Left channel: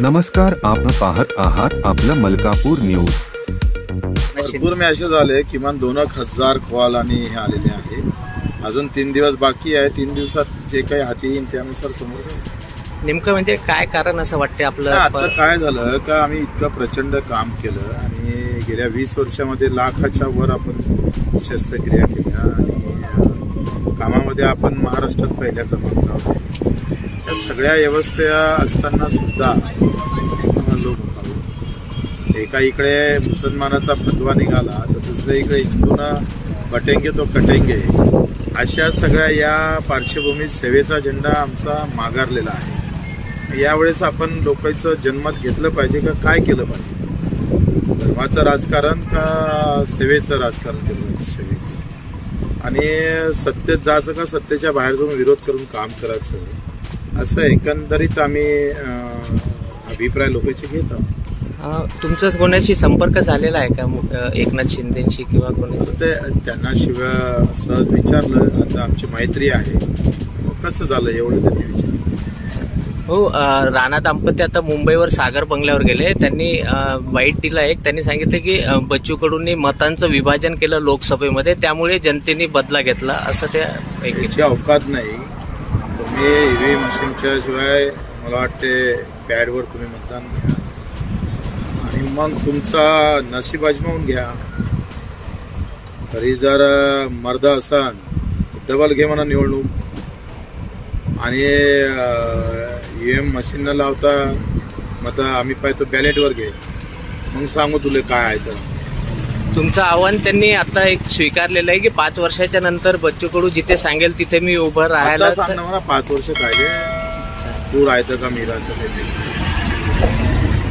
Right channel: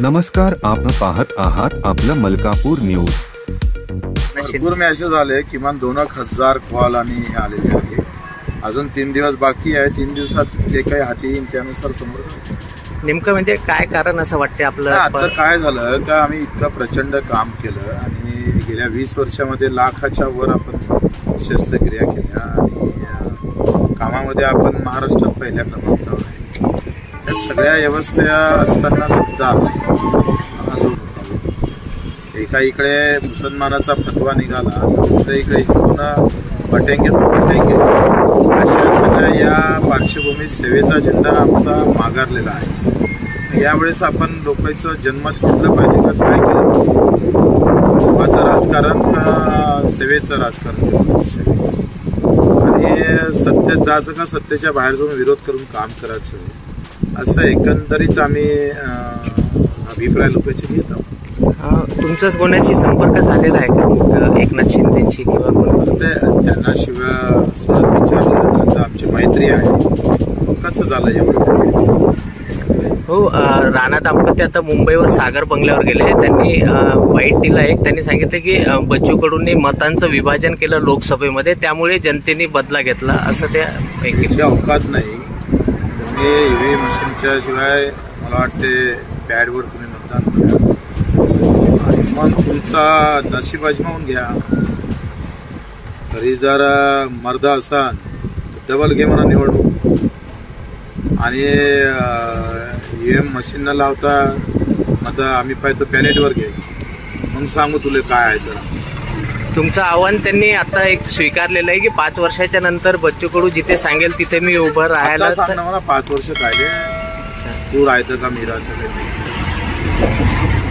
नमस्कार, आपण पाहत आहात आपलं मलकापूर न्यूज। भरपूर मॅसेज आले, किमान 2,000 कॉल आणि हे आलेले आहे। अजून 3 दिवस बाकी आहे। 3 दिवसात जे काही हाती येईल त्यानुसार समोर जाऊ। नेमकं म्हणजे काय कारण असं वाटते आपलं? आता काय झालं का आम्ही इतकं प्रचंड काम केलं आणि गेल्या 20 वर्षामध्ये लाखाच्या वर आपण शस्त्रक्रिया केल्या आणि कामामध्ये आपण महाराष्ट्रात पहिल्या क्रमांकावर आहे। या सगळ्या व्यवस्था असताना सुद्धा एका इकडे मुसलमानाचा फतवा निघाला, दुसऱ्या इकडे हिंदूंना पटेंगे तो पटेंगे, अशा सगळ्या या पार्श्वभूमीत सेवेचा झेंडा आमचा माघारलेला आहे। यावेळेस आपण लोकांचं जन्मत घेतलं पाहिजे का काय केलं पाहिजे? धर्माचं राजकारण का सेवेचं राजकारण केलं पाहिजे? आणि सत्तेत जायचं का सत्तेच्या बाहेर जाऊन विरोध करून काम करायचं, असं एकंदरीत आम्ही अभिप्राय लोकांचे घेत आहोत। तुमचा कोणाशी संपर्क झालेला आहे का एकनाथ शिंदेशी किंवा कोणाशी? त्यांना शिवाय सहज विचारलं, आता आमची मैत्री आहे, कसं झालं एवढं तरी? हो, राणा दाम्पत्य आता मुंबईवर सागर बंगल्यावर गेले। त्यांनी वाईट दिला एक, त्यांनी सांगितलं की बच्चू कडूंनी मतांचं विभाजन केलं लोकसभेमध्ये, त्यामुळे जनतेने बदला घेतला असं त्या अवकात नाही। तुम्ही ईव्हीएम मशीनच्या शिवाय मला वाटते पॅडवर तुम्ही मतदान घ्या आणि मग तुमचा नशीब आजमावून घ्या। तरी जर मर्द असान डबल घे म्हणा निवडणूक, आणि ईव्हीएम मशीन न लावता मत आम्ही पाहतो बॅलेटवर घे, मग सांगू तुला काय आहे। तर तुमचं आव्हान त्यांनी आता एक स्वीकारलेलं आहे की 5 वर्षाच्या नंतर बच्चू कडू जिथे सांगेल तिथे मी उभं राहायला। सांग ना मला, 5 वर्ष काय तू राहतं का मी राहतं काय?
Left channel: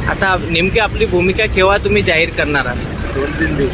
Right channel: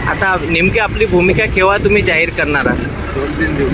आता नेमकी आपली भूमिका केव्हा तुम्ही जाहीर करणार आहात? 2-3 दिवस।